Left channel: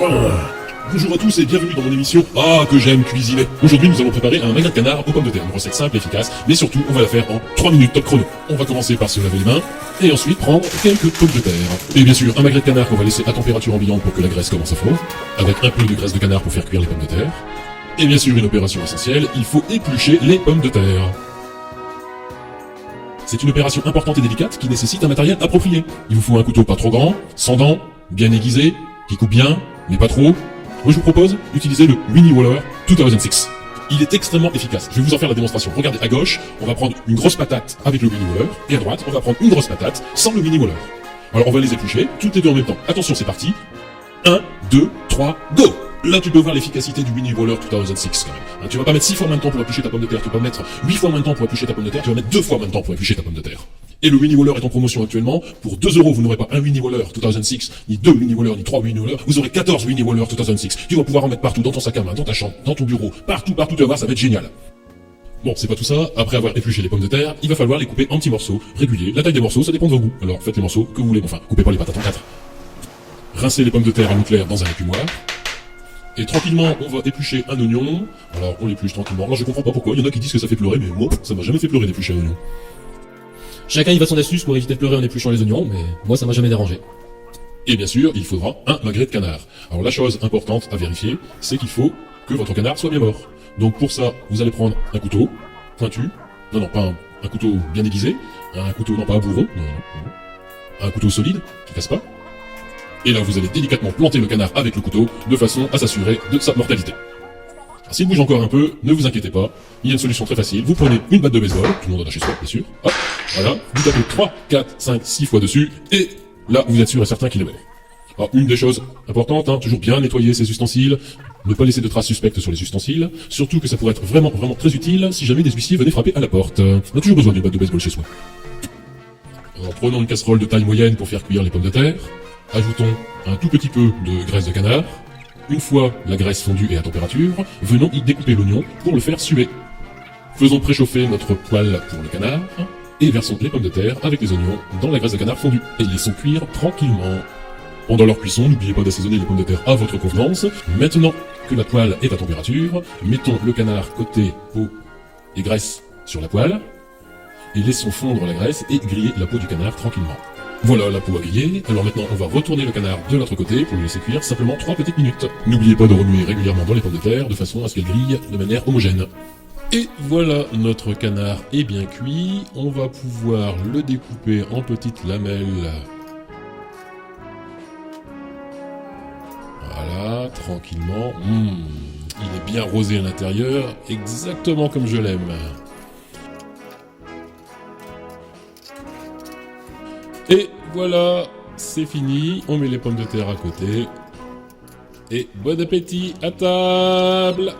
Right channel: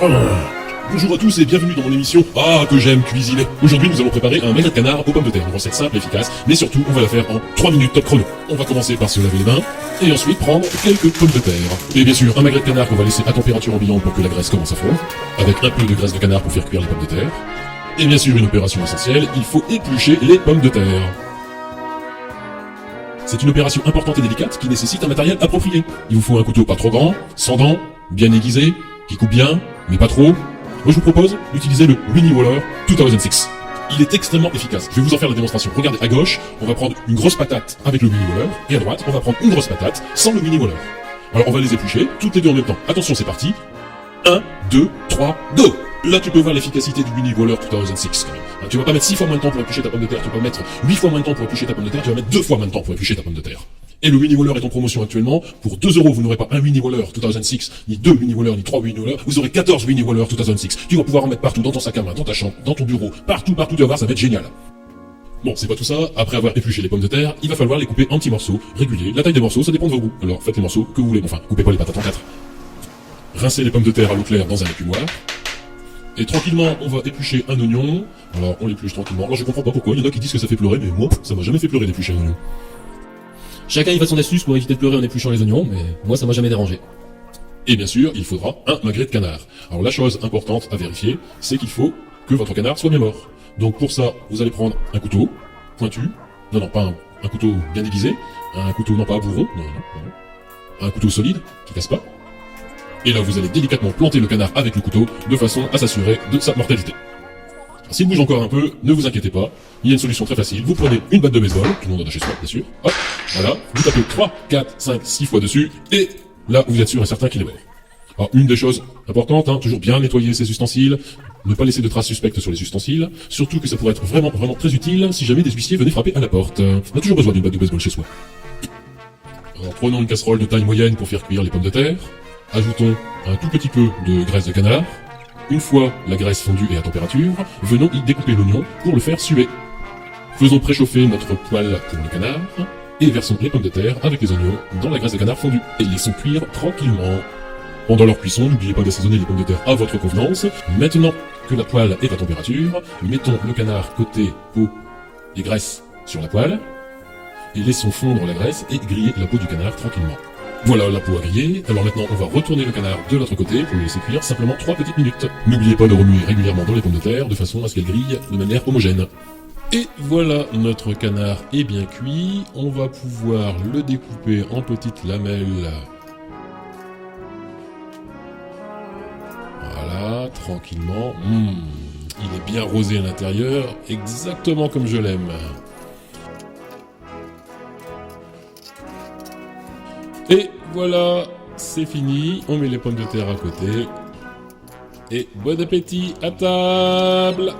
Bonjour à tous et bienvenue dans mon émission Ah que j'aime cuisiner. Aujourd'hui nous allons préparer un magret de canard aux pommes de terre, une recette simple et efficace, mais surtout on va la faire en 3 minutes top chrono. On va commencer par se laver les mains et ensuite prendre quelques pommes de terre. Et bien sûr un magret de canard qu'on va laisser à température ambiante pour que la graisse commence à fondre, avec un peu de graisse de canard pour faire cuire les pommes de terre. Et bien sûr une opération essentielle, il faut éplucher les pommes de terre. C'est une opération importante et délicate qui nécessite un matériel approprié. Il vous faut un couteau pas trop grand, sans dents, bien aiguisé, qui coupe bien, mais pas trop. Moi je vous propose d'utiliser le Mini Waller 2006. Il est extrêmement efficace. Je vais vous en faire la démonstration. Regardez, à gauche, on va prendre une grosse patate avec le Mini Waller, et à droite, on va prendre une grosse patate sans le Mini Waller. Alors on va les éplucher, toutes les deux en même temps. Attention, c'est parti. 1, 2, 3, go! Là tu peux voir l'efficacité du Mini Waller 2006 quand même. Tu vas pas mettre 6 fois moins de temps pour éplucher ta pomme de terre, tu vas pas mettre 8 fois moins de temps pour éplucher ta pomme de terre, tu vas mettre 2 fois moins de temps pour éplucher ta pomme de terre. Et le Mini Waller est en promotion actuellement. Pour 2 €, vous n'aurez pas un Mini Waller 2006, ni 2 Mini Waller, ni 3 Mini Waller. Vous aurez 14 Mini Waller 2006. Tu vas pouvoir en mettre partout, dans ton sac à main, dans ta chambre, dans ton bureau, partout, tu vas voir, ça va être génial. Bon, c'est pas tout ça. Après avoir épluché les pommes de terre, il va falloir les couper en petits morceaux réguliers. La taille des morceaux, ça dépend de vos goûts. Alors faites les morceaux que vous voulez. Enfin, coupez pas les patates en 4. Rincez les pommes de terre à l'eau claire dans un écumoire. Et tranquillement, on va éplucher un oignon. Alors, on l'épluche tranquillement. Alors, je comprends pas pourquoi. Il y en a qui disent que ça fait pleurer, mais moi, ça m'a jamais fait pleurer d'éplucher un oignon. Chacun y va son astuce pour éviter de pleurer en épluchant les oignons, mais moi ça m'a jamais dérangé. Et bien sûr, il faudra un magret de canard. Alors, la chose importante à vérifier, c'est qu'il faut que votre canard soit bien mort. Donc, pour ça, vous allez prendre un couteau pointu. Non, pas un couteau bien aiguisé. Un couteau, non, pas à bourron. Non. Un couteau solide, qui casse pas. Et là, vous allez délicatement planter le canard avec le couteau, de façon à s'assurer de sa mortalité. S'il bouge encore un peu, ne vous inquiétez pas, il y a une solution très facile. Vous prenez une batte de baseball, tout le monde en a chez soi, bien sûr. Hop, voilà, vous tapez 3, 4, 5, 6 fois dessus, et là, vous êtes sûr et certain qu'il est mort. Alors, une des choses importantes, toujours bien nettoyer ses ustensiles, ne pas laisser de traces suspectes sur les ustensiles, surtout que ça pourrait être vraiment très utile si jamais des huissiers venaient frapper à la porte. On a toujours besoin d'une batte de baseball chez soi. Alors, prenons une casserole de taille moyenne pour faire cuire les pommes de terre. Ajoutons un tout petit peu de graisse de canard. Une fois la graisse fondue et à température, venons y découper l'oignon pour le faire suer. Faisons préchauffer notre poêle pour le canard et versons les pommes de terre avec les oignons dans la graisse de canard fondue et laissons cuire tranquillement. Pendant leur cuisson, n'oubliez pas d'assaisonner les pommes de terre à votre convenance. Maintenant que la poêle est à température, mettons le canard côté peau et graisse sur la poêle et laissons fondre la graisse et griller la peau du canard tranquillement. Voilà la peau grillée, alors maintenant on va retourner le canard de l'autre côté pour le laisser cuire simplement 3 petites minutes. N'oubliez pas de remuer régulièrement dans les pommes de terre de façon à ce qu'elles grillent de manière homogène. Et voilà, notre canard est bien cuit, on va pouvoir le découper en petites lamelles. Voilà, tranquillement. Il est bien rosé à l'intérieur, exactement comme je l'aime. Et voilà, c'est fini, on met les pommes de terre à côté. Et bon appétit à table!